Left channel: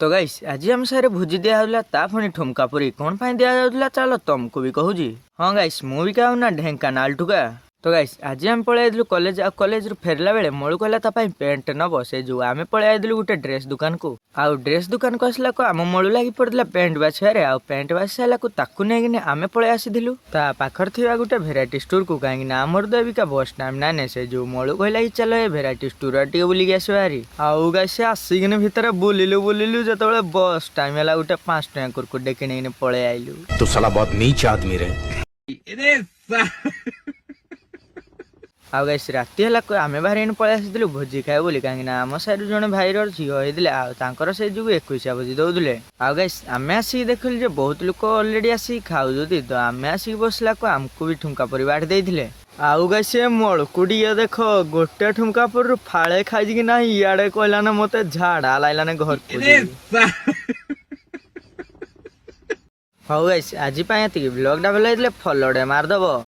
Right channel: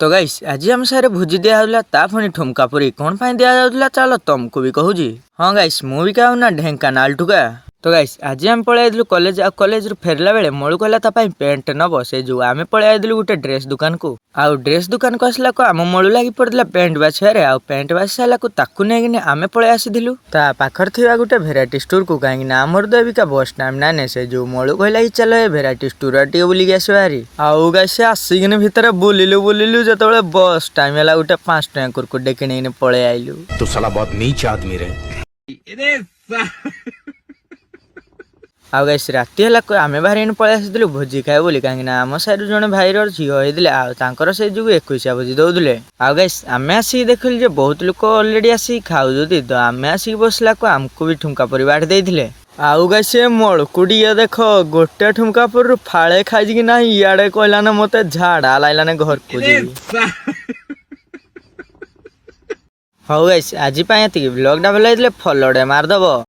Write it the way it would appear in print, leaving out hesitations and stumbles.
तो गाइस आज आम सारे भोजी दिया ता पुणी ठुमका पुरी कौन पाई दिया चलो तुमको भी कहूँ। हाँ गाइस मु भी कहूँ ना ढेंकानाल ठुका। तो गाइस आज आम पलैलु कॉलेज आ कॉलेज रु फेरला बेले मळु कहला ता पाई पेंट नब से जो आमे पलैलु गोटे ड्रेस दुकान को आउ ड्रेस दुकान को आसला को आम मळु लागी पड़ला पेंट बाछियारे आ पेंट बाछि साला को ताकू नेगिने आमे पळे आसीदिलु ता पाखर थिबा गोटे भेराइटी स्टोर को काहेकि ना हमर देविका बस टाइम नाने से जो मळु कहला कि चल ए भेराइटी स्टोर आटी बुली के आसबारी आउ गाइस आसीगिने भितर बुलिलु जतबेले बस टाइम हैला गोटे 5 टका कुरकुरे किनिने पळे आइलु। तो साला बहुत नीच आदमी रे। आउ गाइस राति है आमे बाहर पलि आसलु भोजी खाए बोली कहीं आम साइड जड़े भाईर झील होते से जो 21 भोजी दौले। आउ गाइस आमे आसिक देखिलु जे बहुत लोक अलरेडी आसिक खाऊती तो आमे आसिक बसला को आमको भी ठुमका पुरी बाट देइथिले। आउ गाइस मलकुड़ी देख गोटे ठुमका पुरी फाड़े खाई कि ना इे कहला ना मत झाड़ा लाइलाने घर को। हौ गाइस आज ब्लॉग टा भल फॉलो मारदब।